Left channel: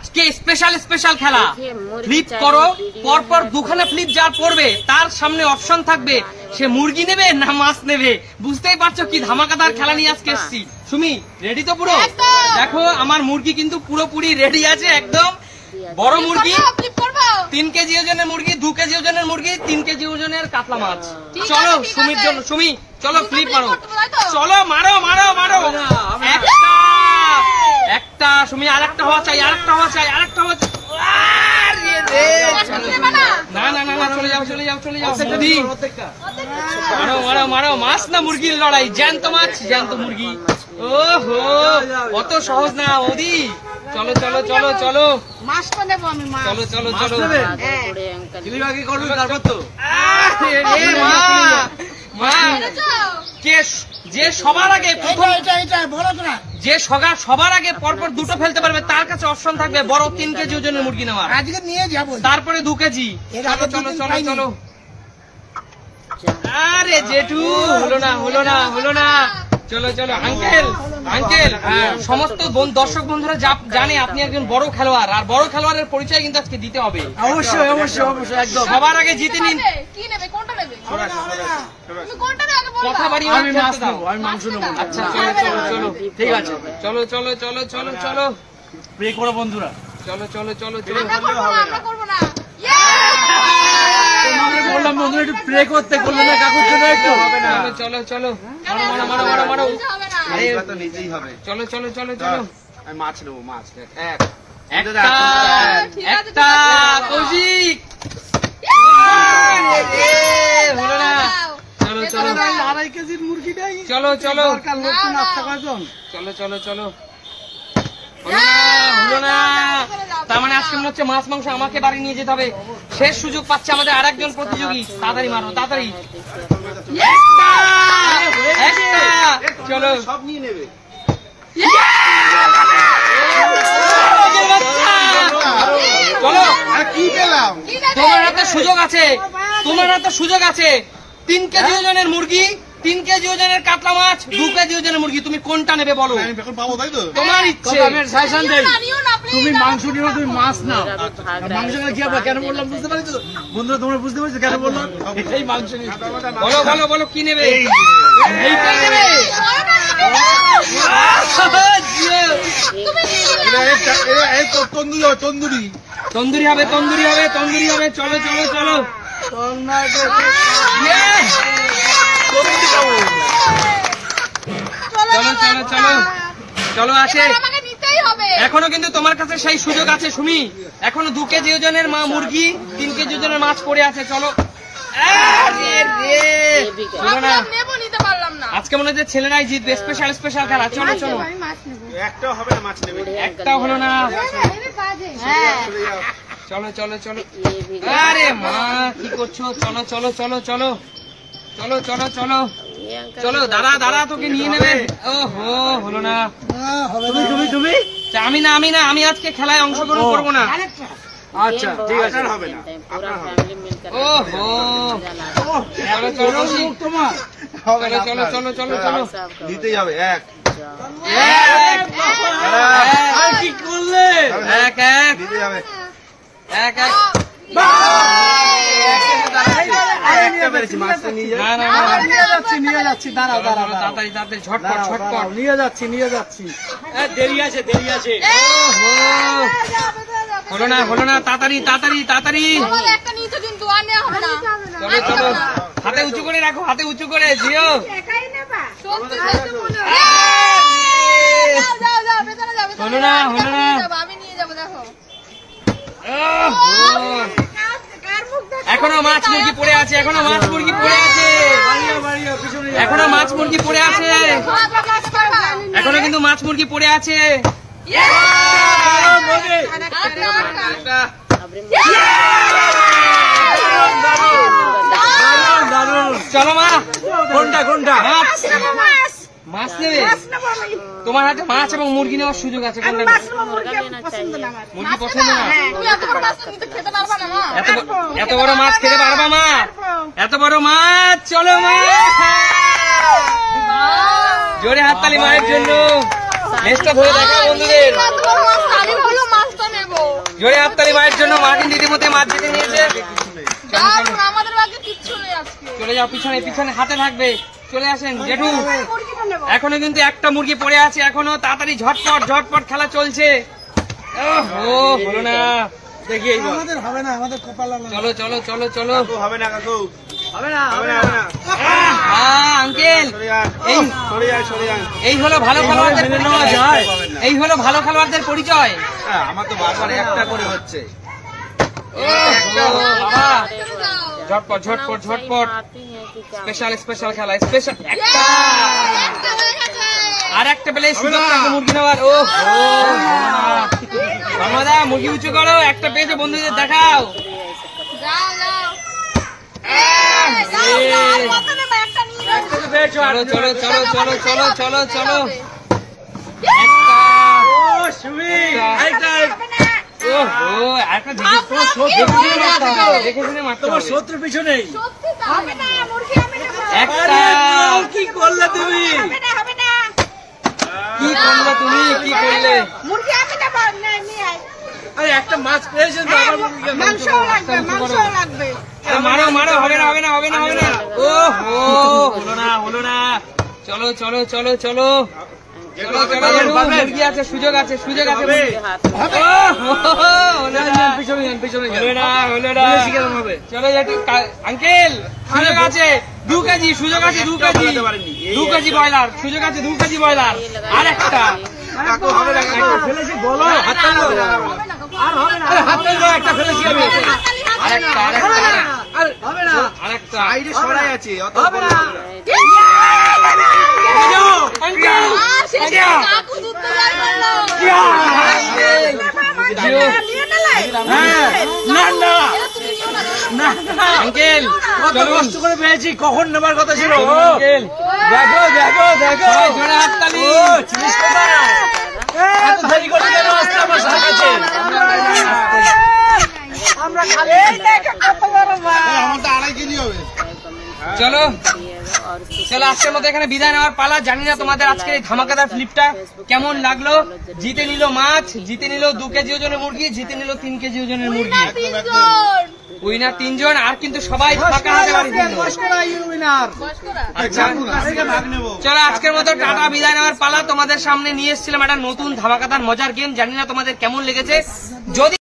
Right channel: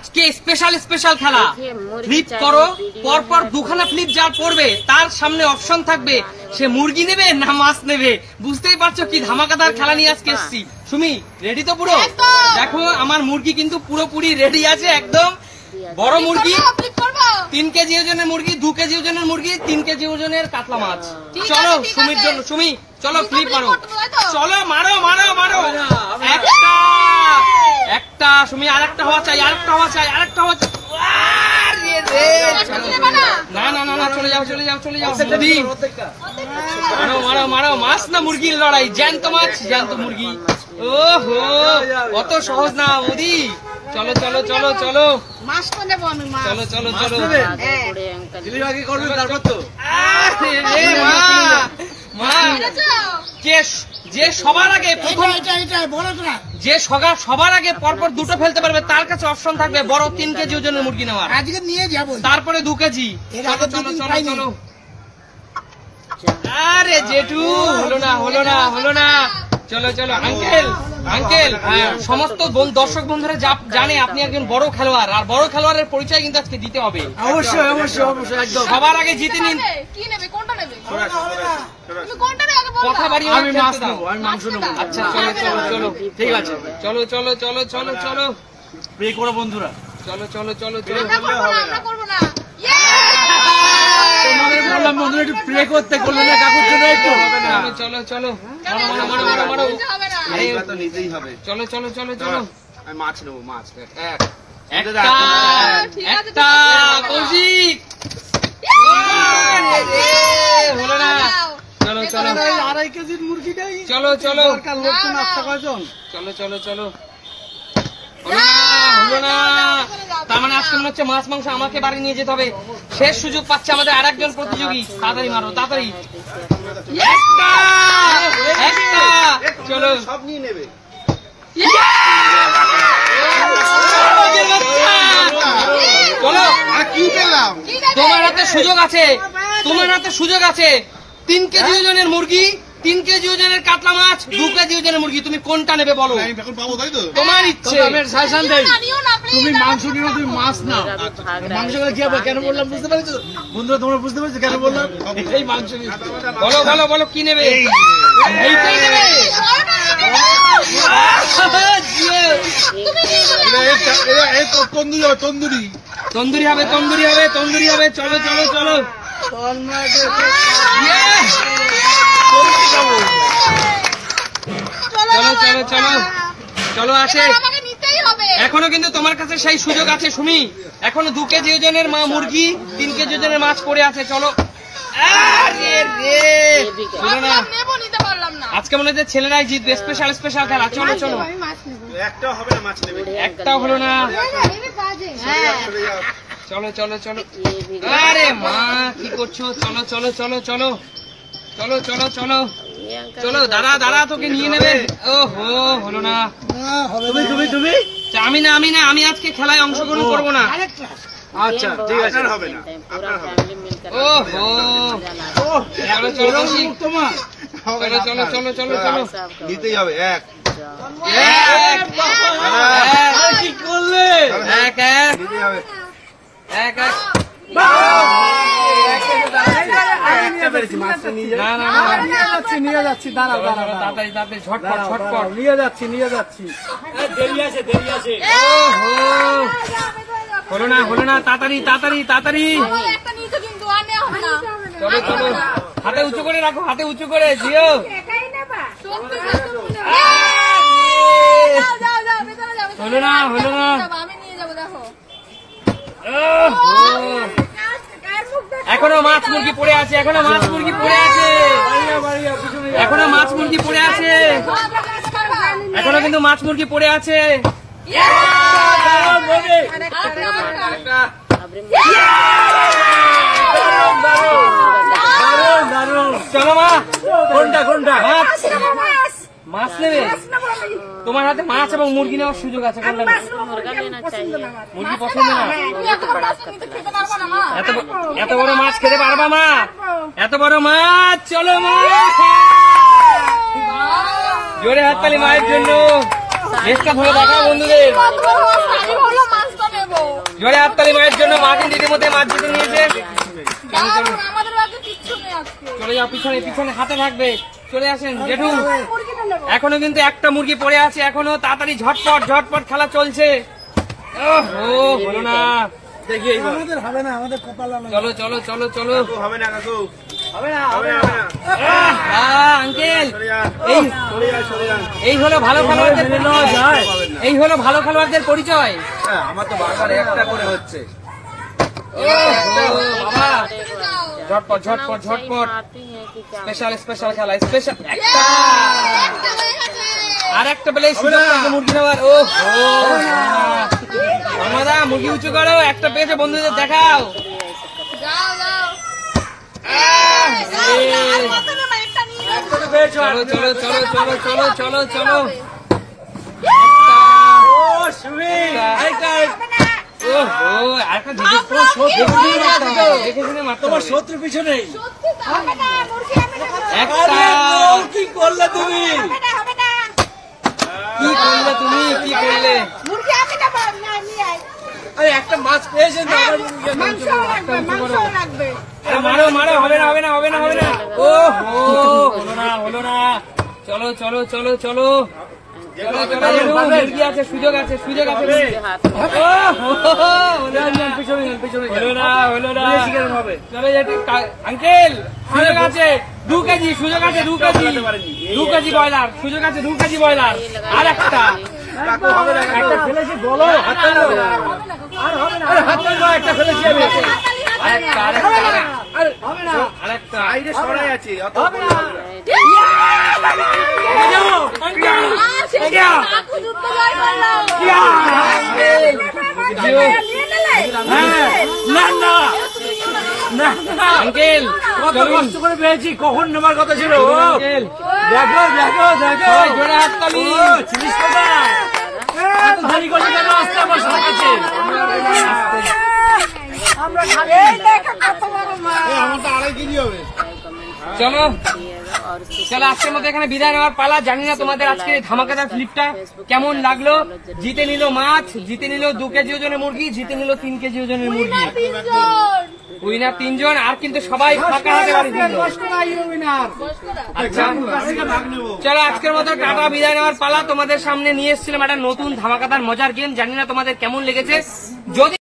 আজকে special special খেলা। Flip করো, পরপর দুখানা ফ্লিপ যার পড়বে তার সামনে অপশন থাকবে সে মুরগি নেবে না মাছ নেবে। বুঝতেই পারছো কি ধামাকাদার খেলা নিয়ে আজকে এসেছি। সুমি রেডি তো পুরো? দেখো আমার মুরগি কিন্তু পুরোপুরি রেডি আছে একদম। বড় মুরগি 3 কেজি ওজনের মুরগি, 2 কেজি ওজনের মুরগি, 3 কেজি ওজনের কাতলা মাছ। চলো সুমির জন্য, সুমি চলো ফ্লিপ মারো, চলো মারো মারো মারো। একটা সুমি, আর একটা হওয়া চাই, আর একটা হওয়া চাই, আর একটা হওয়া চাই। না না না না, চলে যাও চলে যাও চলে যাও। মারো মারো মারো। মাছ না মুরগির লড়াই, জ্যান্ত মাছ জ্যান্ত মুরগি। ওহো অত সহজ না ওদি। চলো চলো চলো চলো, মাছটা নেবো আমি। চলো চলো চলো। যে সবার আগে সবার আগে পরপর দুটো ফেলতে পারবে তার কাছে অপশন থাকবে বড় 3 কেজি ওজনের মুরগি নেওয়ার। আজকে নিয়ে যাবো, তারপরে 2 কেজি। চলো চলো চলো চলো। আরে জেঠু হলো না হলো না হলো না। চলো চলো আঙ্কেল আঙ্কেল, সমস্ত দর্শক বন্ধুরা জানে আপনি একজন বড় খেলোয়াড়, আর বড় খেলোয়াড়ের পরিচয় কিন্তু আজকে দিতে হবে। অবশ্যই অবশ্যই অবশ্যই, একদম। সবার আগে জিতে নিন। কি নেবে, কোনটা নেবে? কথা বাড়িয়ে আমি মাছ নেবো, আমি মাংস নেবো। আচ্ছা চলো চলো চলো, ঠিক আছে চলো চলো চলো চলো চলো। প্রে করো বন্ধুরা, চলো চলো চলো চলো। আমরা করবো না। বললাম বন্ধুরা একটু প্রে করতে, করলে না কাকুর জন্য একটু। চলো চলো মারো মারো মারো মারো। আরে তো নিতেই হবে। চলো চলো চলো চলো। আমি মাছ নেবো, মাছ। একটা কৌশিক হলো না। চলো চলো 2.5 কেজির মুরগিটাই। চলো চলো লোক তো নাস্তা কয়জন? চলো চলো চলো। হলো না। তার মানে আজকে মনে হচ্ছে মাছ মাংস আমাকে বাড়ি নিয়ে যেতে হবে। শেষ সুযোগ পাচ্ছে আমাদের আর একজন প্রতিযোগী। তাড়াতাড়ি মারো তাড়াতাড়ি। চলো সব নিয়ে নেবে। চলো কি পেলাম? তোমার হাতে সুযোগ আছে, তোমার হাতে সুযোগ আছে। 3 কেজি ওজনের মুরগি, 3 কেজি ওজনের কাতলা মাছ, 2 কেজি ওজনের মুরগি, তুমি কোনটা নেবে বলো? এখন পাবো তাই তো? তোমার ইচ্ছে। সাজেশন দেই, তুমি মাংস নিও, তুমি মাছ নাও। মাংস কি হবে কেন বললাম বুঝতে পারছো বন্ধুরা? তোমরা বুঝতে পারছো কেন বললাম এই মাংস নিয়ে? বলো বলো বলো কি নেবে? এইটাই নেবে। তন্দুরি তন্দুরি হবে তন্দুরি হবে তন্দুরি হবে। চলো চলো চলো চলো চলো চলো চলো। আসে এখনো কিন্তু তোমার কাছে সেই সুযোগ আছে সুমি। এখনো 2 কেজি ওজনের মুরগি, 3 কেজি ওজনের মাছ পড়ে আছে। চলো আজকে মনে হচ্ছে ছেলেরাই জিতবে। স্পেশাল স্পেশাল খেলা। চলো চলো। একটাও হবে না, মাছ নেবে। একটাও হলো না। চলো চলো চলো। আরে মা কি করছো? চলো চলো চলো চলো চলো চলো চলো চলো। দাঁড়া দাঁড়া, তোকে নিয়ে নেবে। ওহো হলো না। তুমি তুমি তুমি আমি না আমি না, আমি আজকে খেলায় অংশগ্রহণ করবো না। আচ্ছা ঠিক আছে, হবে না। ওহো চলো চলো তোমার চলো চলো চলো চলো চলো। নিতেই হবে। এক কি করলে? এক এক নিতেই হবে। এক এক। মাছটা নিয়ে না না না, নিয়ে যাচ্ছি দাঁড়াও দাঁড়াও তাড়াতাড়ি তাড়াড়ি ঝটপট ঝটপট। নিয়ে যাচ্ছি দেরি আছে দেরি আছে। ওহো হলো না হলো না। তাড়াতাড়ি তাড়াতাড়ি তাড়াতাড়ি। চলো চলো। হাতে উঁচু করে রাখো, হাতে উঁচু করে জিও। হলো না হলো না। এখনো মাছ মুরগি পড়ে আছে, এখনো মাছ মুরগি পড়ে আছে, এখনো মাছ মুরগি পড়ে আছে, এখনো কিন্তু মাছ মুরগি পড়ে আছে। চলো মা। কোনটা কোনটা? মাছ নেবে? তোমার হাতে মাছ এবং মুরগি নেওয়ার সুযোগ আছে। মুরগি পছন্দ না? এত বড় মাছ খেতে পারবা মা? এত বড় মাছ? চলো মা, জোরে হাততালি মায়ের জন্য। নেক্সটটা ধরে দেখা বন্ধুদের। জোরে হাততালি মায়ের জন্য। মা কিন্তু ইতিমধ্যে মাছ জিতে নিয়েছে। দারুণ, আমাদের বাকি কিচ্ছু নেই আজকে। চলে যাও, পিছনে পিছনে হাতে থাকবে। চলে আসেন জেঠু। মুরগিটা নেবো। এখনো কিন্তু একটা মুরগি পড়ে আছে, এখনো তাড়াতাড়ি ঝটপট ঝটপট খেলা চলছে। ও হলো না, দেখি এইবার হবে না, আমাদের কপাল চলো চলো চলো চলো। কাকু হবে না কাকু, হবে না, হবে না, হবে না। আঙ্কেল সরে যান, এই সরে যান, সরে যান। এই হলো ভালো খেলোয়াড়দের মেনে নেওয়া পরিচয়। যায়? এই হলো ভালো খেলোয়াড়দের পরিচয়। আমার তো বারবার একটা করে হচ্ছে। বাবা ঝটপট ঝটপট ঝটপট। স্পেশাল স্পেশাল খেলা, স্পেশাল একটা একটা হয়ে গেছে। আর একটা পেলে সুযোগ থাকবে মুরগি নেওয়ার। ও আমরা মুরগি উঁচু করো, একটা পেয়েছে বন্ধুদের দেখাও। যাও, যাও। যাও, যাও, আর কত নেবো? একটা নিয়ে যাও। চলো চলো চলো চলো চলো চলো চলো। ও সুমি, এইটা হবে না। ও একটা দেখে দেখে শুনে মারতে তোমার হবে। শত্রু পিছনেই। সত্যি তো হবে না, মুরগি হবে না। একটা কি করলে তুমি? হবে না, হবে না। কি করলে তুমি, কি করলে? মুরগি হবে না, নিয়ে আয়। আরে একটা মাছ পেয়েছেন তো, আবার মুরগি মাংসও লাগবে, মাংসও লাগবে। আরে মারো মারো, হবে না হবে না হবে না হবে না। ও হলো না হলো না। চলো চলো চলো চলো চলো চলো। মুরগি আছে, সুযোগ আছে, সুযোগ আছে। হলো না হলো না। চলো আঙ্কেল, সুযোগ আছে 2 কেজি, সুযোগ আছে 2 কেজি, 2 কেজি ব্রয়লার, সুযোগ আছে 2 কেজি ব্রয়লার। আর একটা কাকু হবে না, কাকু। ফেলেছি, বলো হাত চালো। আর হবে না, হাত চালো, একটা ফেলেছি আমি। আরেকটা হবে না, আরেকটা। সাইডে সরাই আছে, অত হবে বড় না। হবে না। কাকু দুধ তো যাই বললো। নিয়ে নিলে? না না আঙ্কেল কত কষ্ট করে পেয়েছি, কখন নেবার কথা ছিল? আঙ্কেল দেখো দেখো দেখো, সবাই জোরে হাততালি। চিনিস কোথায়? এত দেরি করলে কেন আসতে আমার সাথে? আমরা খালি এই দেখো কত বড় মাছ। আমার তো 2.5 কেজি হবে। চলো চলো, আজকের মতো এখানে বিদায় নেওয়ার পালা। জানি না তোমাদের আজকে এই ধামাকাদার ফ্লিপটা কেমন লাগলো। জিতে নিল মাছ, জিতে নিল 2 কেজি ওজনের মুরগি, জিতে নিল 3 কেজি ওজনের মুরগি। তিনজন। উইনার 3 জন, আর কিন্তু সবাই ফাঁকা হাতে বাড়ি দিল। আচ্ছা চলো, আজকের মতো টাটা, বিদায় নেওয়ার পালা। তোমাদের সামনে নিয়ে এসেছিলাম একটা নতুন ধামাকাদার মজার গেম। জানি না তোমাদের কেমন লেগেছে। যদি